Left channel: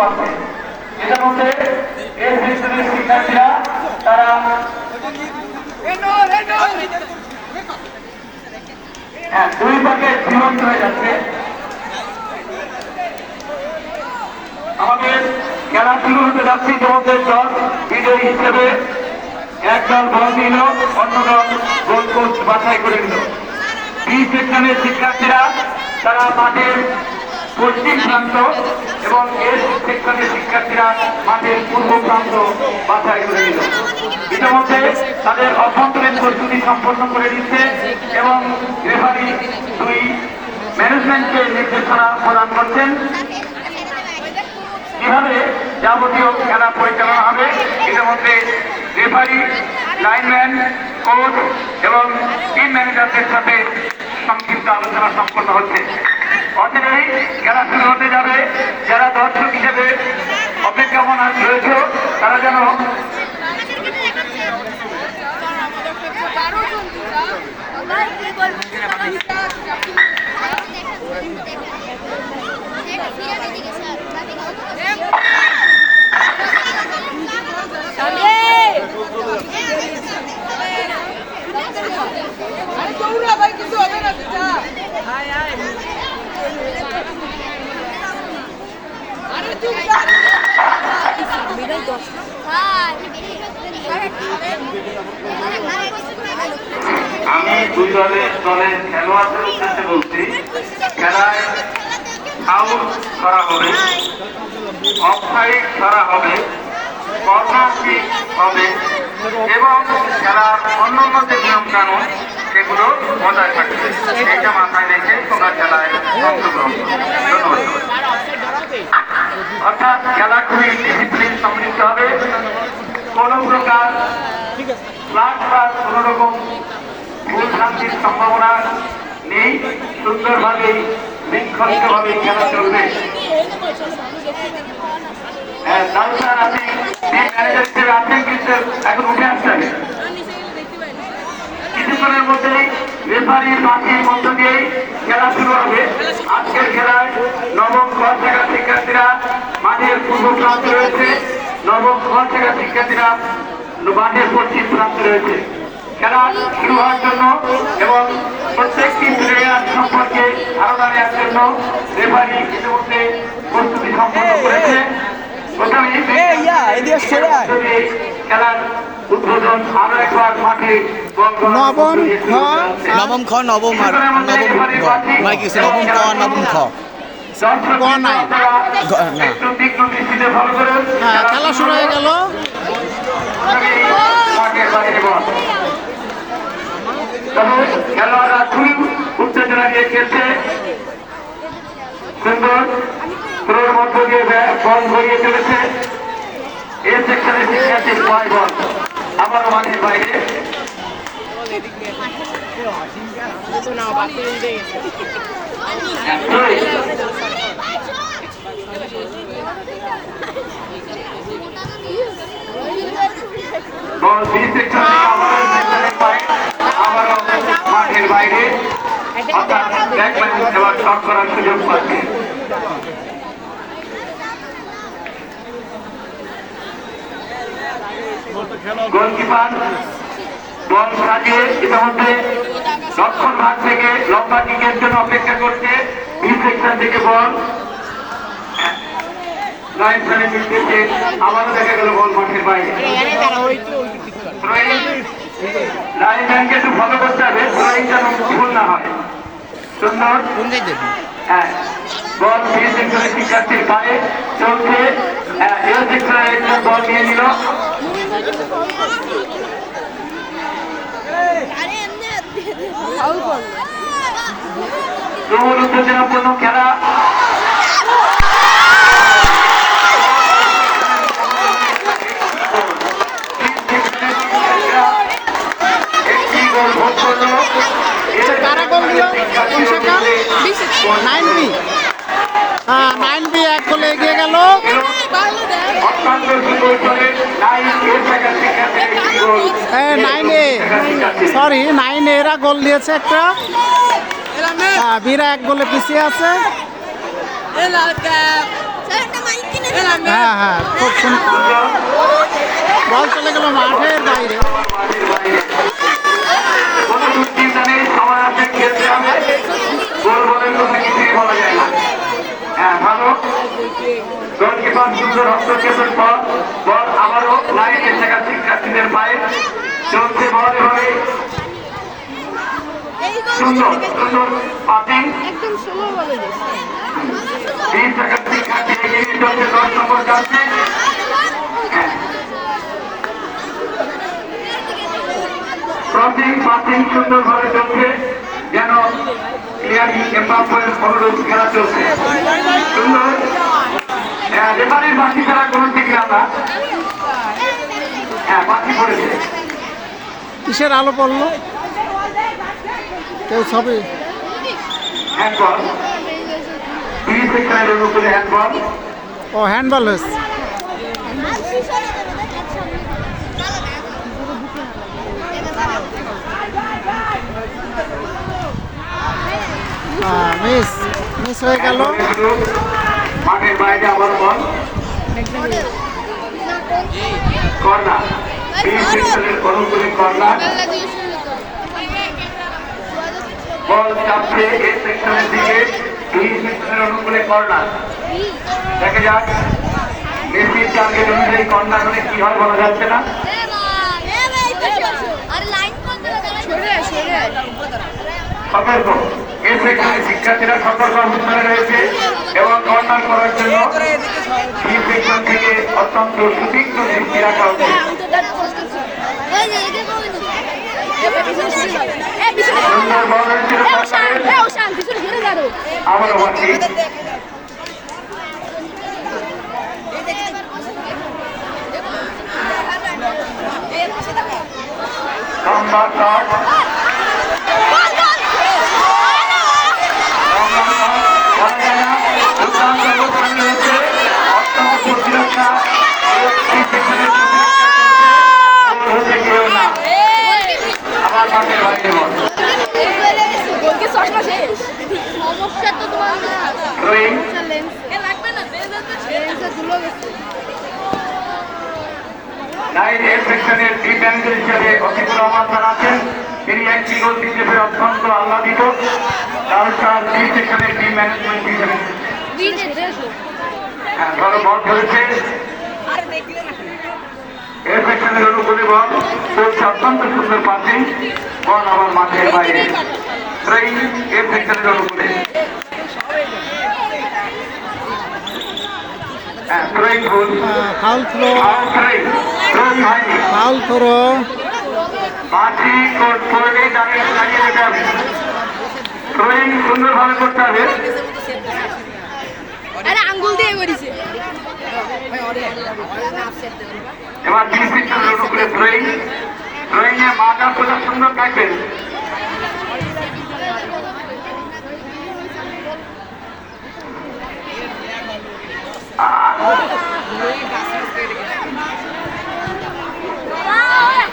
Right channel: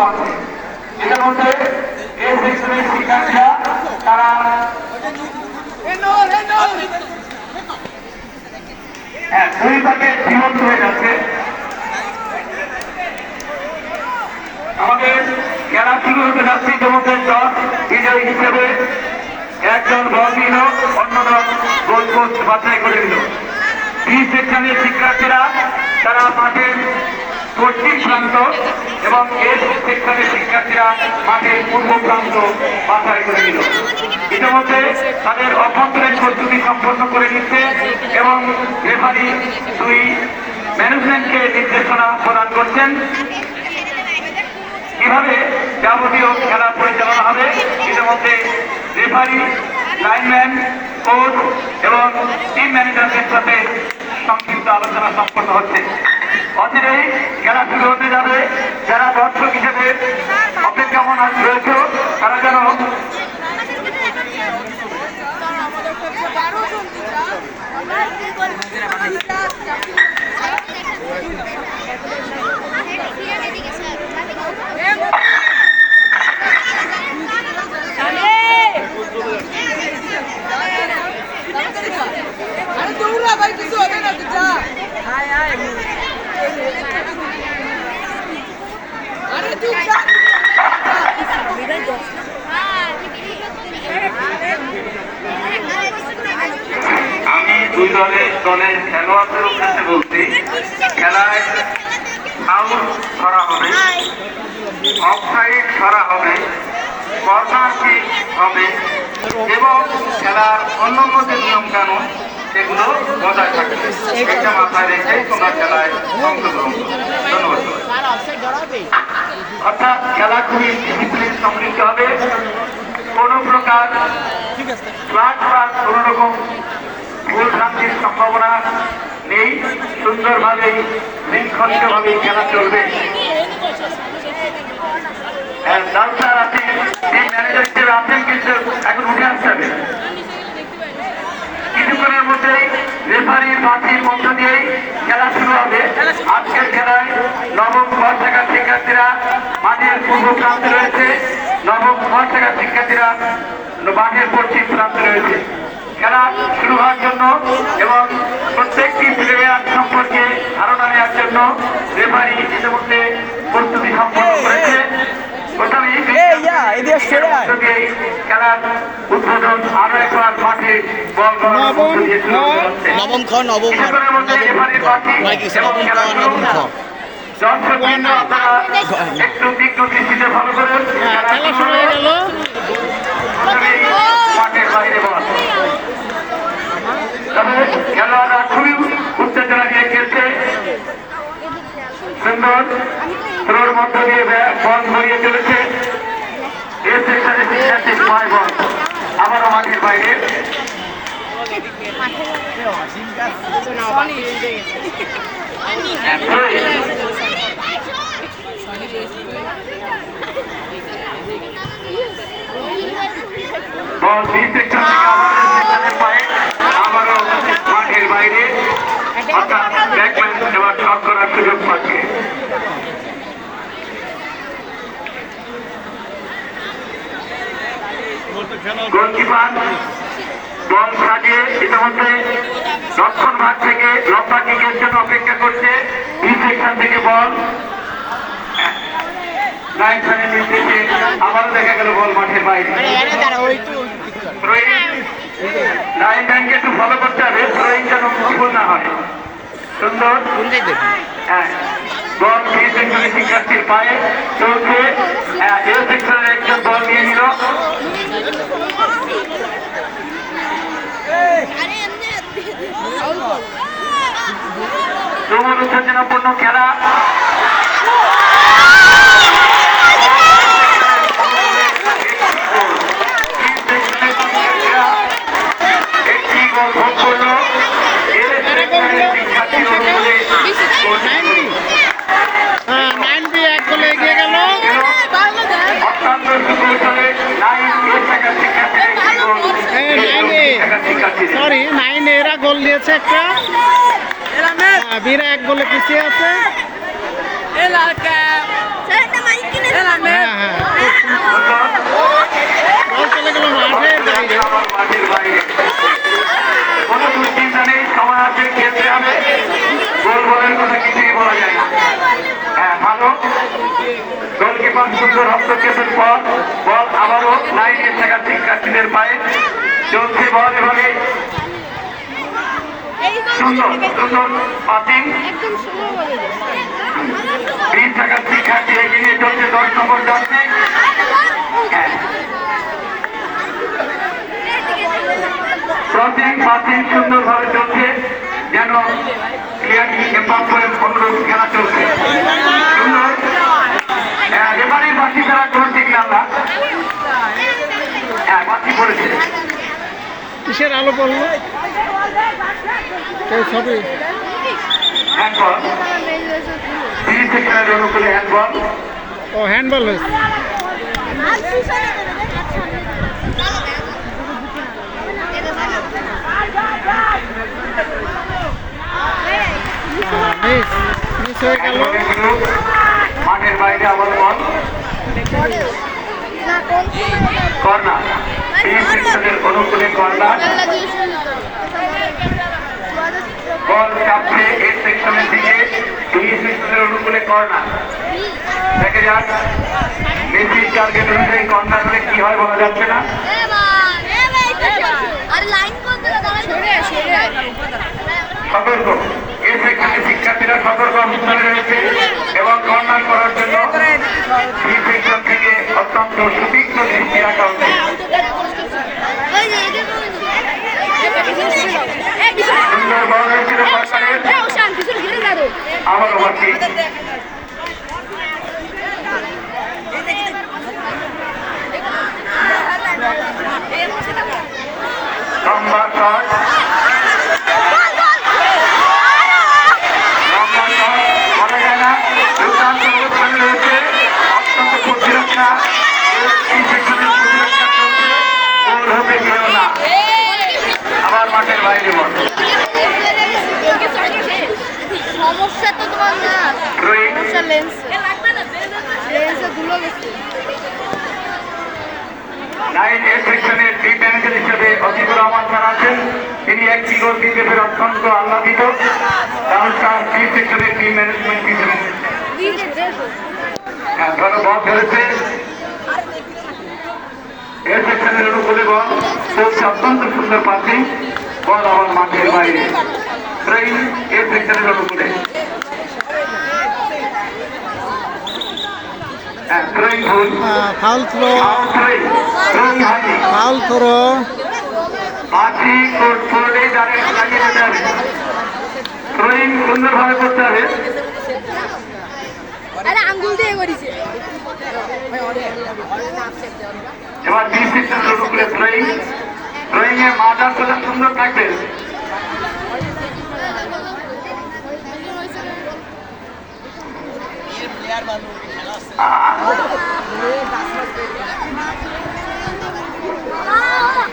মাঠে। এর মধ্যে এই সেকশনের শিক্ষার্থীরা তারা দুই ভাগে বিভক্ত হয়ে যাচ্ছে। আমাদের খেলা শুরু হতে যাচ্ছে, ইতিমধ্যে টস বিজয়ী হিসেবে একজন বল দিল, অন্য দল গোল পোস্ট বাছাই করে দিল। বি সেকশনের শিক্ষার্থীরা তারা মাঠের পশ্চিম প্রান্ত এবং এস সেকশনের শিক্ষার্থীরা মাঠের পূর্ব প্রান্ত বাছাই করে দিল। ইতিমধ্যে তাদের অভ্যন্তরীণ প্রস্তুতি সম্পন্ন করে দিচ্ছে এবং রেফারি দুই ম্যানেজমেন্টকে নির্দেশনা প্রদান করছেন কিভাবে যাবতীয় খেলা পরিচালনা হবে। ইতিমধ্যে রেফারি, লাইনম্যান, কোচ এবং টিম ম্যানেজারদের সাথে সংক্ষিপ্ত আলোচনা সম্পন্ন হচ্ছে। অচিরেই খেলা শুরু হতে যাবে। যারা দর্শক হিসেবে অপেক্ষামান রয়েছে তারা যেন আমি দুই দলের খেলোয়াড়দের কাছে বলছি, খেলায় ফাউল করা হবে, অফসাইড করা হবে, কর্নার কিক হবে এবং খেলার অন্যান্য যে নিয়ম কানুন সেগুলো বজায় থাকবে। এটা মাথায় রেখে তোমরা খেলায় অংশগ্রহণ করো। ধন্যবাদ। অর্থাৎ খেলা খুবই ডিসিপ্লিন সমৃদ্ধ হবে। কোন প্রকার কোন রকম ভুল ভ্রান্তির সম্ভাবনা নেই। সুন্দরভাবে শৃঙ্খলিতভাবে খেলা চলবে। লালসার আছে, ম্যানেজার আছেন, কিন্তু এখন উঠে আসতে হবে। কিছুক্ষণের মধ্যেই রেফারির বাঁচির মধ্য দিয়েই খেলা শুরু হবে। আজকের খেলায় নবম ক শাখার শিক্ষার্থীরা মাঠের পূর্ব প্রান্তে রয়েছে, নবম ক শাখার শিক্ষার্থীরা মাঠের পশ্চিম প্রান্তে রয়েছে। খেলা শুরু হওয়ার জন্য এবং প্রত্যেকটি প্লেয়ার সম্পর্কে ধারণা নেওয়ার জন্য রেফারি ইতিমধ্যে প্রস্তুতি সম্পন্ন করেছে। খেলার উদ্বোধন আরো একবার মাঠে নবম খ নবম খেলা শুরু হয়ে গেল। খেলোয়াড়রা খুবই উত্তেজনা নিয়ে খেলছে। সুন্দর পুরোর মধ্য দিয়ে বল ভরিয়ে ফেলেছে। এর সেকশনে শিক্ষার্থী 5 বল আবারও মাঠের বাইরে। বল বি সেকশনে আবারও মাঠের বাইরে। এবার শট করার সুযোগ পাচ্ছে। গোলকিপার বল সাজিয়ে ইতিমধ্যে দক্ষিণ ভাগ থেকে লম্বা কিকের জন্য অপেক্ষা করছে। বি সেকশন থেকে বল আবারও দেখা গেল বল মাঠের বাইরে। লাইন লাইনকে একটু ফলো করতে হবে, যেন ভুল না হয়। সুন্দর বল বি সেকশনের শিক্ষার্থীর পায়ে চলছে। এ সেকশনের একজন বল নিয়ে নিল। তুমুল উত্তেজনাপূর্ণ খেলা। একটি গোল ভোগ করলো। 9B 1 গোলে এগিয়ে গেল। 9A এরা গোল দিয়েছে একটা। বিরা 1 গোলে পিছিয়ে আছে। হ্যাঁ হ্যাঁ খুব সুন্দর বল চলে গেল মাঠের বাইরে। মাঠের বাইরে কোনো দুশ্চিন্তা নেই, সমাজে খেলতে হবে, গোল বলের কথা কিছুই বলা যায় না। হ্যাঁ ভালো গোলকিপার সুন্দর হস্তক্ষেপের পর বল আবারও লাইনের জায়গা শিক্ষার্থীদের পায়ে চলছে বল এভাবে সুন্দর সুন্দর পাতিং 20 টাকার শিক্ষার্থী এগিয়ে নিয়ে চলছে 10 নম্বর যাচ্ছে। হ্যাঁ পাতিং সুন্দরভাবে চলছে যেন ক্লিয়ারলি এম্পায়ারের অনুরোধ খেলা চলছে সুন্দর। রেফারির বাকি তারা গোল দেখলাম না। হ্যাঁ বাকি পড়েছে। কিসের আলো পড়লো কেউ ছবি হ্যান্ডবল তিন সেকশনের অনুকূলে হ্যান্ডবল। ও হ্যান্ডবল হয়েছে। মিস মিস হয়ে গেল। মাঠের বাইরে আবার বল কর্নার তিন সেকশনের অনুকূলে কর্নার বল চাপছে এ সেকশনের দিকে দুই সেকশনের অনুকূলে কর্নার। দেখা যাক মেসির টার্গেট অনুযায়ী কর্নার মানে কি হয় বলা যাচ্ছে না। সতর্ক এ সেকশনের শিক্ষার্থীরা সতর্ক অবস্থানে রয়েছে এবং কর্নার করার জন্য এই সেকশন থেকে অত্যন্ত সুতীক্ষ্ণ দৃষ্টি রাখা উচিত। আবারও বাকি লম্বা শট আবার মাঠের বাইরে বল লাইন এ সেকশনের টিম ম্যানেজার হিসেবে অজিবুর রহমান স্যার আছেন। তিনি একটি গোল দিতে পেরে অত্যন্ত আহ্লাদিত, কারণ তার বি সেকশনের টিম ম্যানেজমেন্ট হিসেবে ভালো বল করেছে। এ সেকশনের অনুকূলে বল চলছে অত্যন্ত সুন্দর পাসিং বল আবার মাঠের বাইরে এ সেকশনের অনুকূলে ফাউল থ্রো ফাউল থ্রো সুন্দরভাবে করতে হবে। আঙ্গুল দিয়ে করেছে এবার বি সেকশনের উপরে ড্রয়িং এর মাদার কথা সুন্দর থাকবে।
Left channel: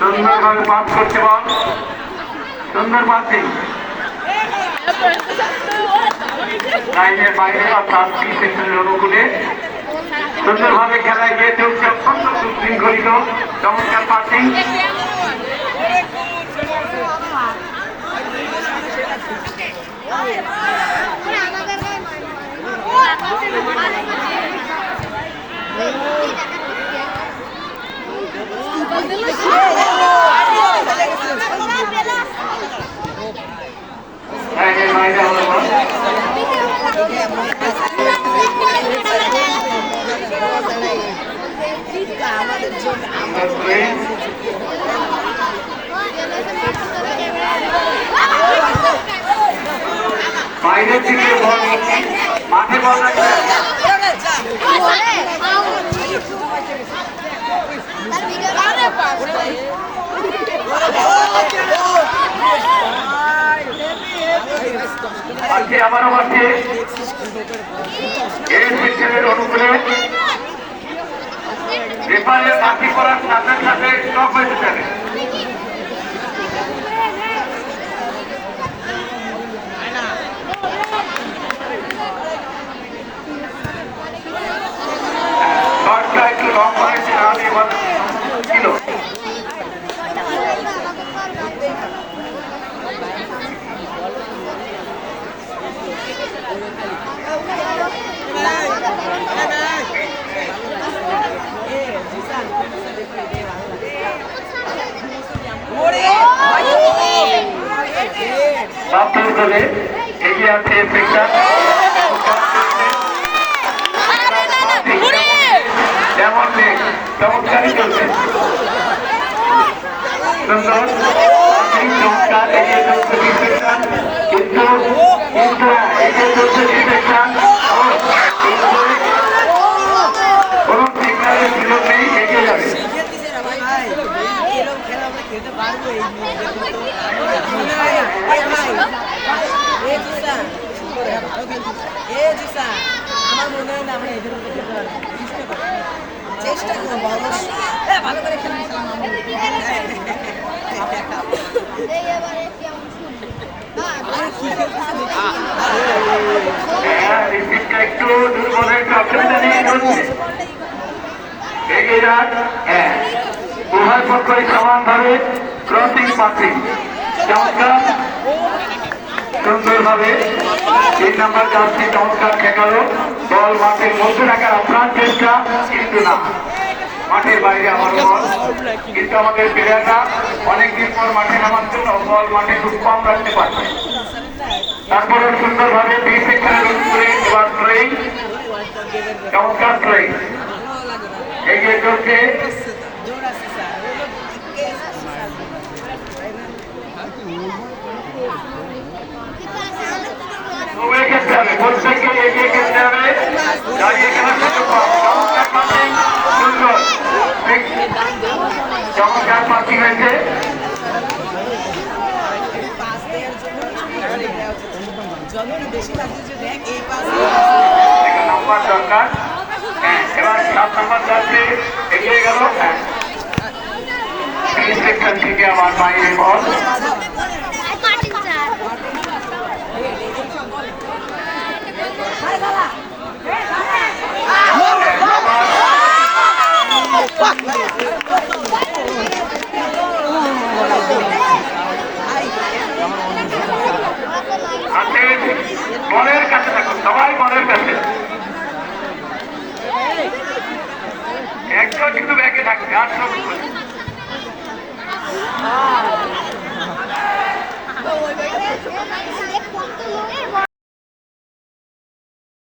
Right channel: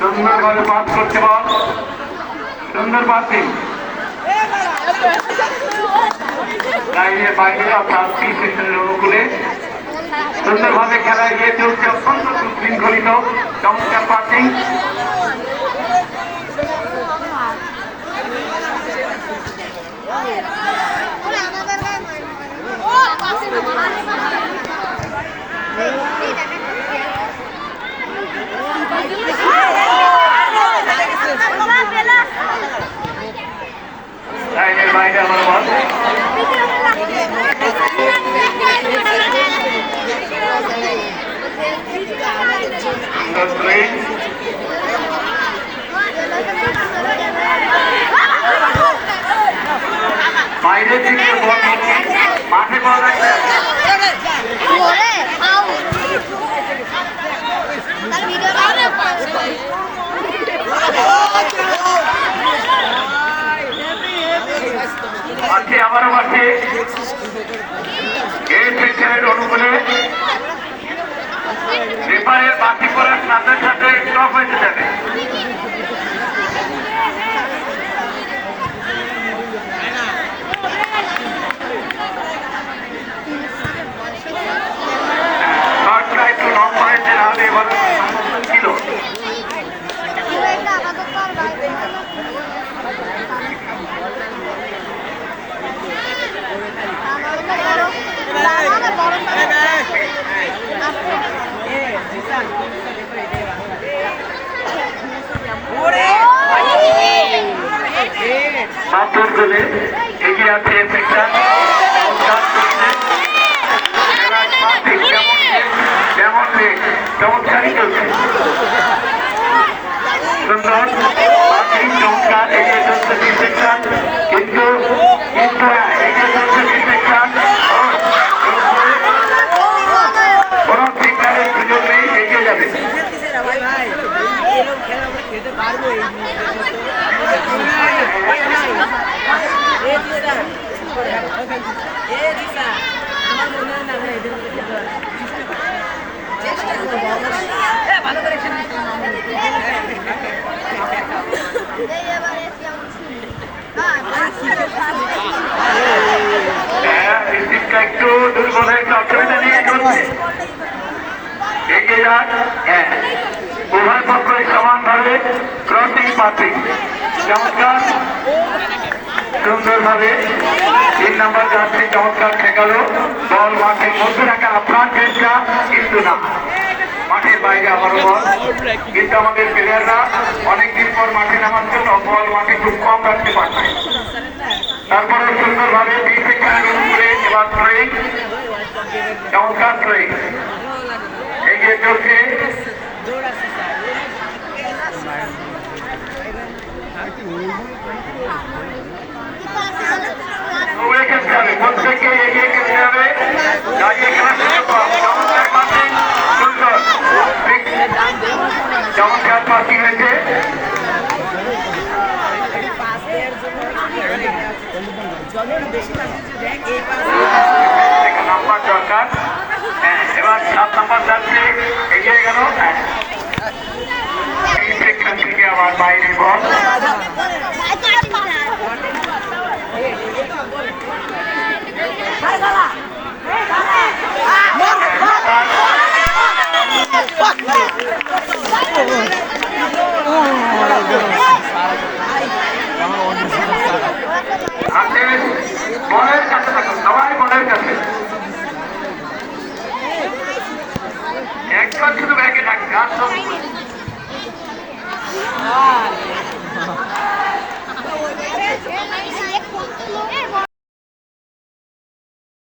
সুন্দরভাবে পাস করতে বল সুন্দর পাসিং লাইনের বাইরে অর্থাৎ বি সেকশনের অনুকূলে সুন্দরভাবে খেলা এগিয়ে চলছে অত্যন্ত সুশৃঙ্খলিত চমৎকার পাসিং। লাইনের বাইরে আমার বল বাইরে থেকে মাঠে বল আজকে আবারও আছে এই সেকশনের অনুকূলে রেফারের বাকি করার সাথে সাথে স্টপ হয়ে যাবে। একটু লং হয়েছে নাহলে এবার ছিল বাপুর গোলে এগিয়ে আছে সেকশন যেমন চমৎকারই চলছে সুন্দর আপনি চমৎকার এগিয়ে চলছে বি সেকশন কিন্তু এগিয়ে চলছে বি সেকশন কোনো সিগন্যালের সুযোগ নেই এগিয়ে যাবে আমার মনে হয় না আমরা এদের মধ্যে খেতে পারি চেষ্টা করবো ভালো করে খেলে একটু দুর্বল হয়েছে অসুবিধা নিয়ে চলছে এগিয়ে যান হ্যাঁ উভয় পক্ষই সমানভাবে ক্রসিং পাসিং চমৎকার সুন্দরভাবে 3 নম্বর জার্সি চমৎকার ঠেকালো বল মাঠের মধ্যে রাখা আপ্রাণ চেষ্টা কিন্তু না মাঠের বাইরে আবারও বল কিন্তু আমাদের প্লেয়াররা অনেকদিন পর মাঠে নামার জন্য বল মাঠে খুব কম রাখতে পারছে তারপরে সুন্দরভাবে বি সেকশনের উপরে এবার ট্রেই চমৎকার ট্রেই এগিয়ে চলছে খেলতে হবে প্রত্যেকে এগিয়ে খেলতে হবে দাঁড়িয়ে খেলার সুযোগ সুন্দর চমৎকার পাসিং হয়েছে হ্যাঁ এবার 7 নম্বর যাচ্ছে এগিয়ে গেল সেকশন থেকে আমার বাইরে বল